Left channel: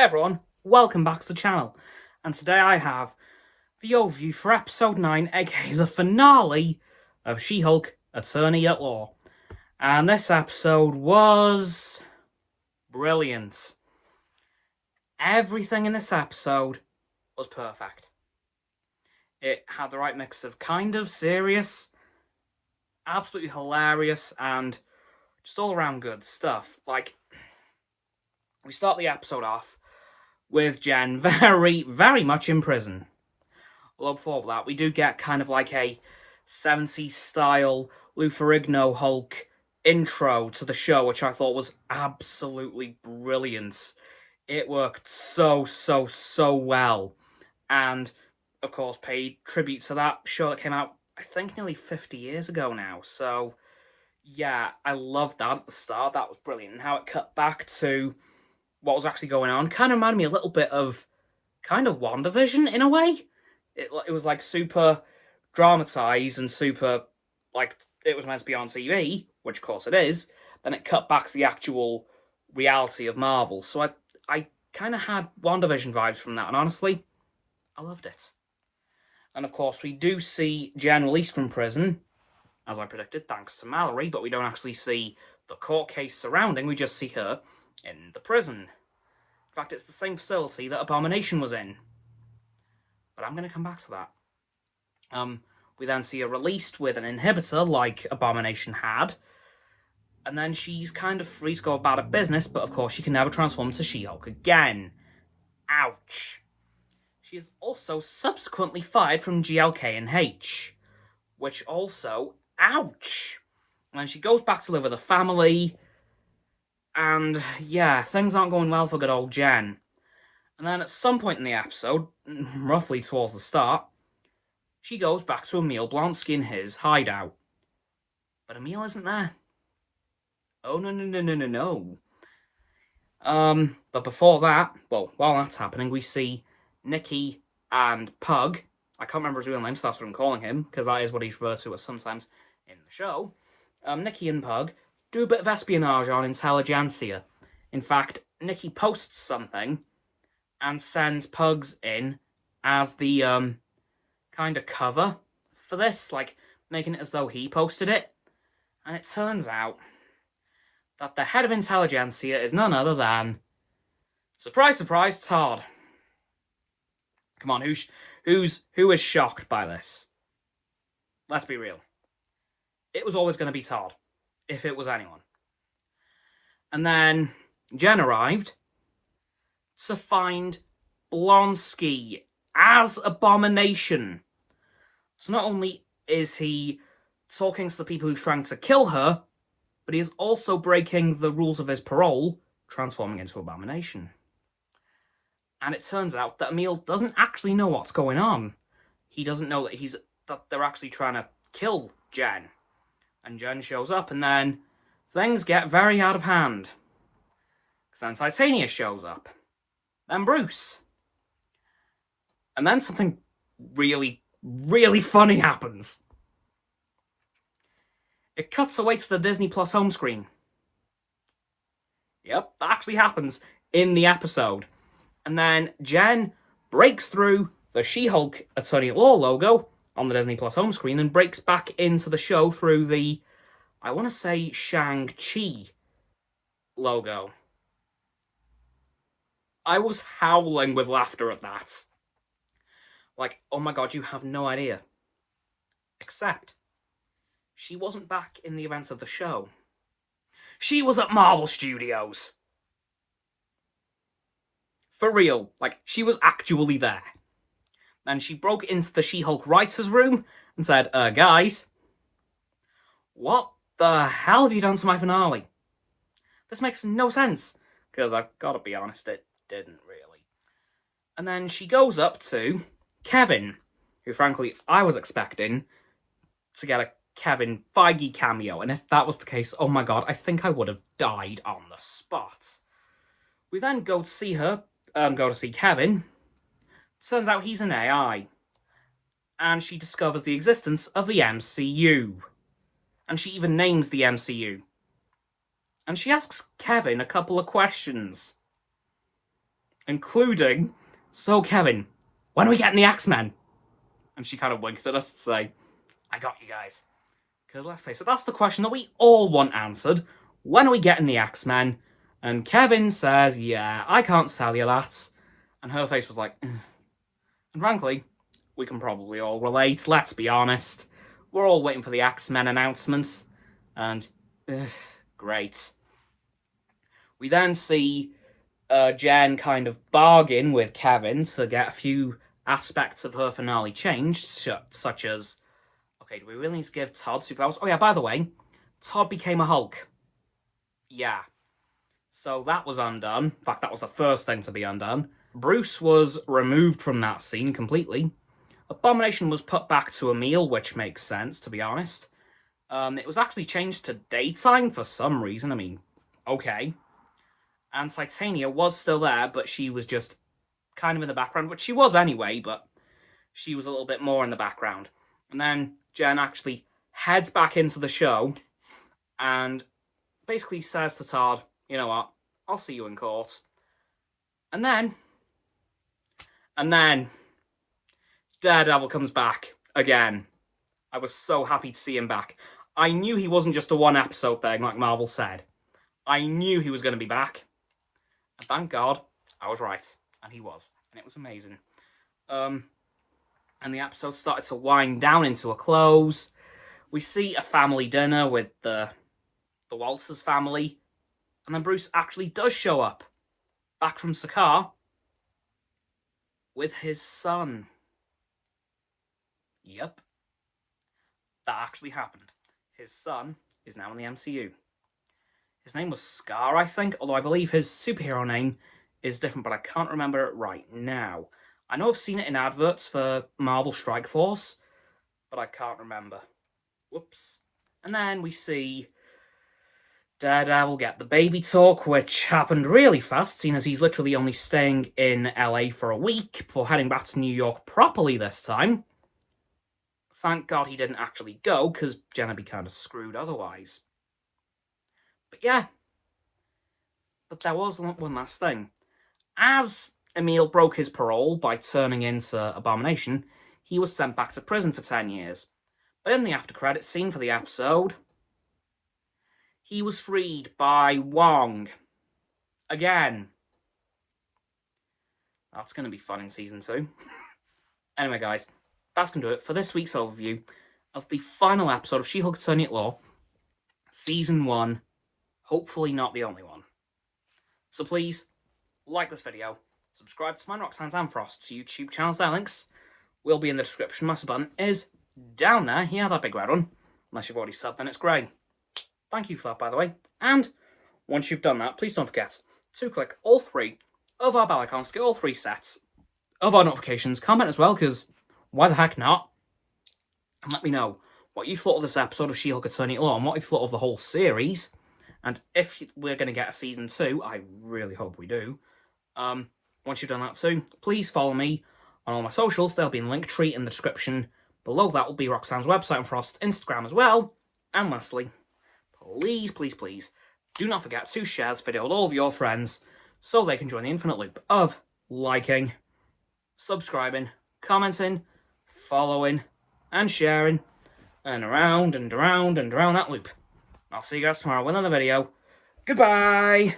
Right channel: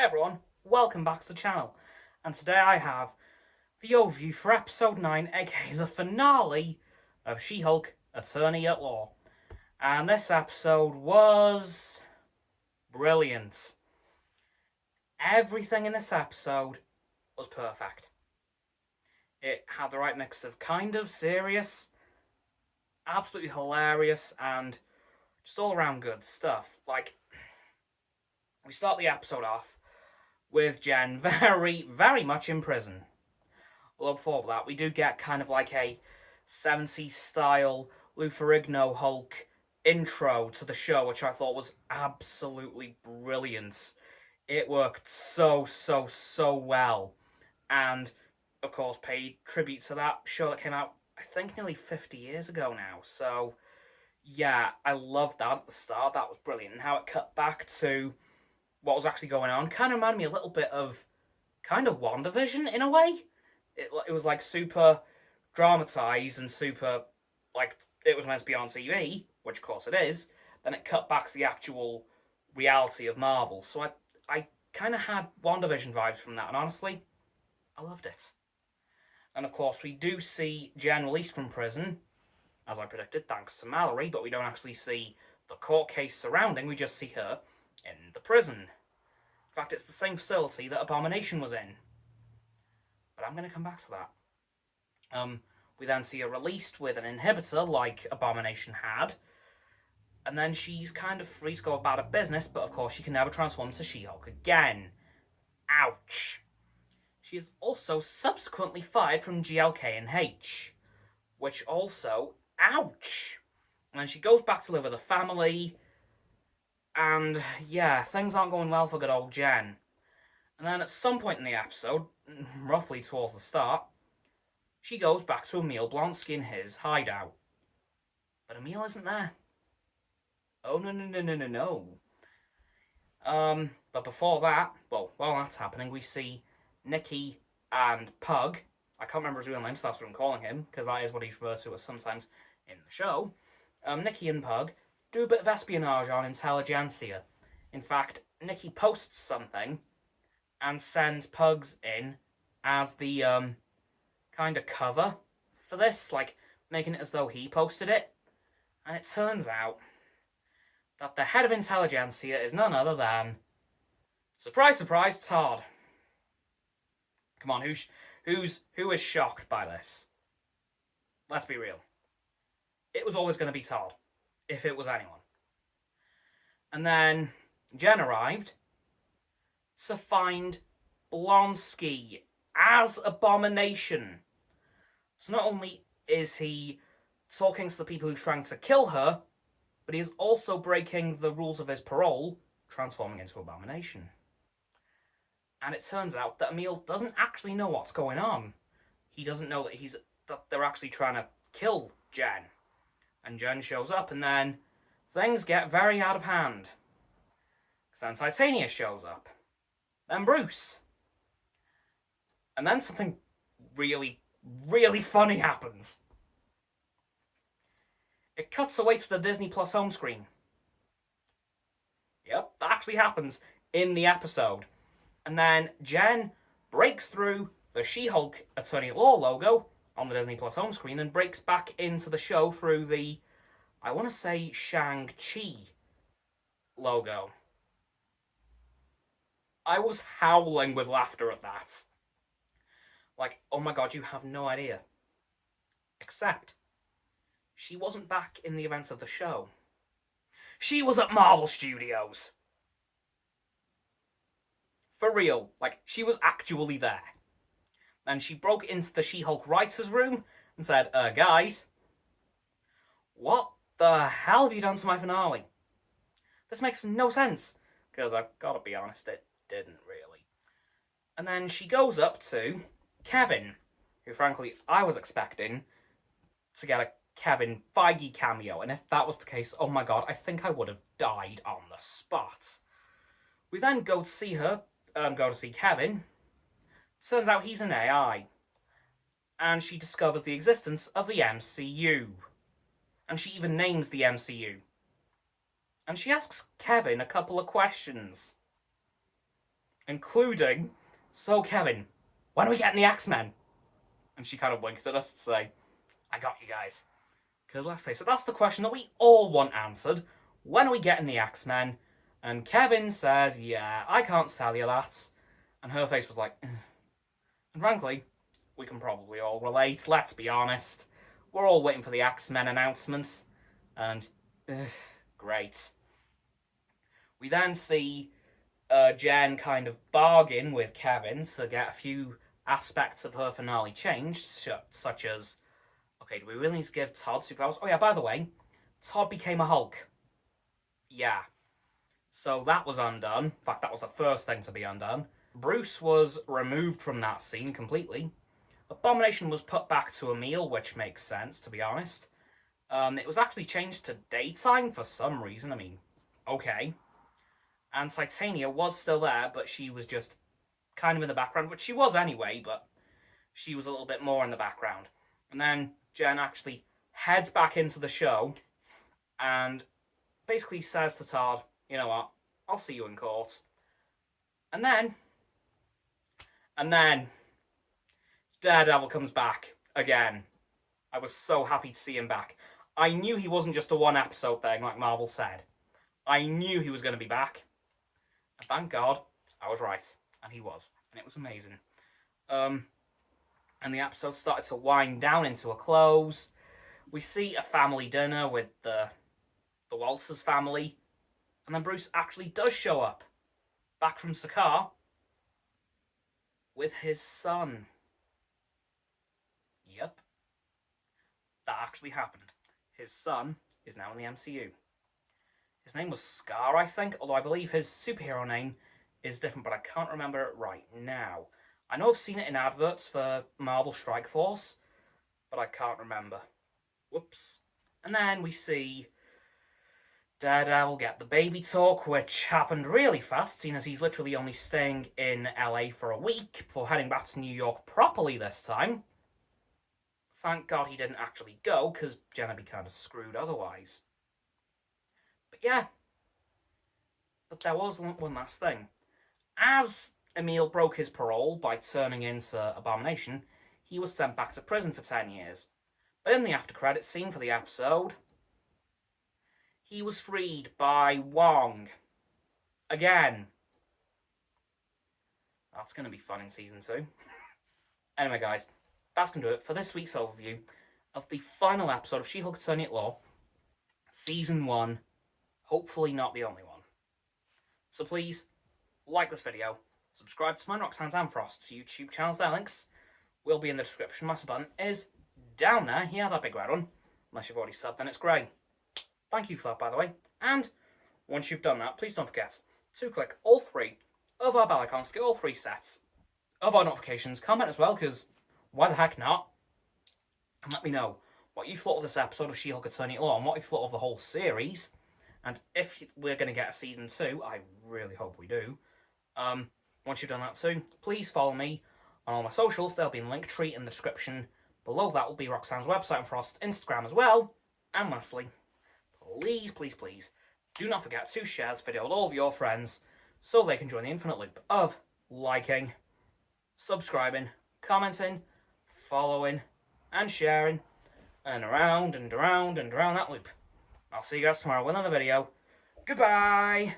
Hey everyone, welcome back to the channel, and today I have the overview for episode 9, aka the finale of She-Hulk, Attorney at Law. And this episode was brilliant. Everything in this episode was perfect. It had the right mix of kind of serious, absolutely hilarious, and just all around good stuff. Like, we start the episode off with Jen very much in prison. Although before that, we do get kind of like a 70s style Lou Ferrigno Hulk intro to the show, which I thought was absolutely brilliant. It worked so well. And, of course, paid tribute to that show that came out, I think, nearly 50 years ago now. So, yeah, I loved that at the start. That was brilliant. And how it cut back to what was actually going on kind of reminded me a little bit of kind of WandaVision in a way. It was like super dramatized and super, like, it was meant to be on TV, which of course it is. Then it cut back to the actual reality of Marvel. So I kind of had WandaVision vibes from that, and honestly, I loved it. And of course, we do see Jen released from prison, as I predicted, thanks to Mallory, but we don't actually see the court case surrounding, we just see her in the prison. In fact, it's the same facility that Abomination was in. But I'm going to come back to that. We then see her released with an inhibitor, like Abomination had, and then she's kind of free to go about her business, but of course she can never transform into She-Hulk again. Ouch. She is also subsequently fired from GLK&H, which also, ouch. And then she goes back to live with her family, and yeah, things aren't going well for good old Jen. And then at some point in the episode, roughly towards the start, she goes back to Emil Blonsky in his hideout. But Emil isn't there. Oh, no. But before that, well, while that's happening, we see Nikki and Pug. I can't remember his real name, so that's what I'm calling him, because that is what he's referred to as sometimes in the show. Nikki and Pug do a bit of espionage on intelligentsia. In fact, Nikki posts something and sends Pugs in as the kind of cover for this, like making it as though he posted it. And it turns out that the head of intelligentsia is none other than, surprise, surprise, Todd. Come on, who is shocked by this? Let's be real. It was always going to be Todd, if it was anyone. And then Jen arrived to find Blonsky as Abomination. So not only is he talking to the people who's trying to kill her, but he is also breaking the rules of his parole, transforming into Abomination. And it turns out that Emil doesn't actually know what's going on. He doesn't know that they're actually trying to kill Jen. And Jen shows up, and then things get very out of hand. Because then Titania shows up. Then Bruce. And then something really funny happens. It cuts away to the disneyplus home screen. Yep, that actually happens in the episode. And then Jen breaks through the She-Hulk Attorney at Law logo on the disneyplus home screen and breaks back into the show through the, I want to say, Shang-Chi logo. I was howling with laughter at that. Like, oh my god, you have no idea. Except, she wasn't back in the events of the show. She was at Marvel Studios. For real, like, she was actually there. And she broke into the She-Hulk writer's room and said, guys, what the hell have you done to my finale? This makes no sense. Because I've got to be honest, it didn't really. And then she goes up to Kevin, who frankly I was expecting to get a Kevin Feige cameo, and if that was the case, oh my god, I think I would have died on the spot. We then go to see her, go to see Kevin. Turns out he's an AI, and she discovers the existence of the MCU, and she even names the MCU. And she asks Kevin a couple of questions. including, "So, Kevin, when are we getting the X-Men?" And she kind of winked at us to say, "I got you guys." Because let's face it, that's the question that we all want answered. When are we getting the X-Men? And Kevin says, "Yeah, I can't tell you that." And her face was like, "Ugh." And frankly, we can probably all relate, let's be honest. We're all waiting for the X-Men announcements. And, great. We then see Jen kind of bargain with Kevin to get a few aspects of her finale changed, such as, okay, do we really need to give Todd superpowers? Oh yeah, by the way, Todd became a Hulk. Yeah. So that was undone. In fact, that was the first thing to be undone. Bruce was removed from that scene completely. Abomination was put back to Emil, which makes sense, to be honest. It was actually changed to daytime for some reason. I mean, okay. And Titania was still there, but she was just kind of in the background, which she was anyway, but she was a little bit more in the background. And then Jen actually heads back into the show and basically says to Todd, "You know what, I'll see you in court." And then Daredevil comes back again. I was so happy to see him back. I knew he wasn't just a one-episode thing, like Marvel said. I knew he was going to be back. And thank God, I was right. And he was. And it was amazing. And the episode started to wind down into a close. We see a family dinner with the Walters family. And then Bruce actually does show up. Back from Sakaar. With his son. Yep. That actually happened. His son is now in the MCU. His name was Scar, I think, although I believe his superhero name is different, but I can't remember it right now. I know I've seen it in adverts for Marvel Strike Force, but I can't remember. Whoops. And then we see Daredevil get the baby talk, which happened really fast, seeing as he's literally only staying in LA for a week before heading back to New York properly this time. Thank God he didn't actually go, because Jen would be kind of screwed otherwise. But yeah. But there was one last thing. As Emil broke his parole by turning into Abomination, he was sent back to prison for 10 years. But in the after-credits scene for the episode, he was freed by Wong. Again. That's going to be fun in Season 2. Anyway, guys, that's going to do it for this week's overview of the final episode of She-Hulk-Attorney-at-Law, Season 1. Hopefully not the only one. So please, like this video, subscribe to my Roxanne's and Frost's YouTube channels. Their links will be in the description. My sub button is down there. Yeah, that big red one. Unless you've already subbed, then it's grey. Thank you for that, by the way. And once you've done that, please don't forget to click all 3 of our bell icons, get all 3 sets of our notifications. Comment as well, because why the heck not? And let me know what you thought of this episode of She-Hulk-Attorney-at-Law and what you thought of the whole series. And if we're going to get a Season 2, I really hope we do. Once you've done that too, please follow me on all my socials. There'll be a link tree in the description. Below that will be Roxanne's website and Frost's Instagram as well. And lastly, please, please, please, do not forget to share this video with all of your friends so they can join the infinite loop of liking, subscribing, commenting, following, and sharing, and around and around and around that loop. I'll see you guys tomorrow with another video. Goodbye!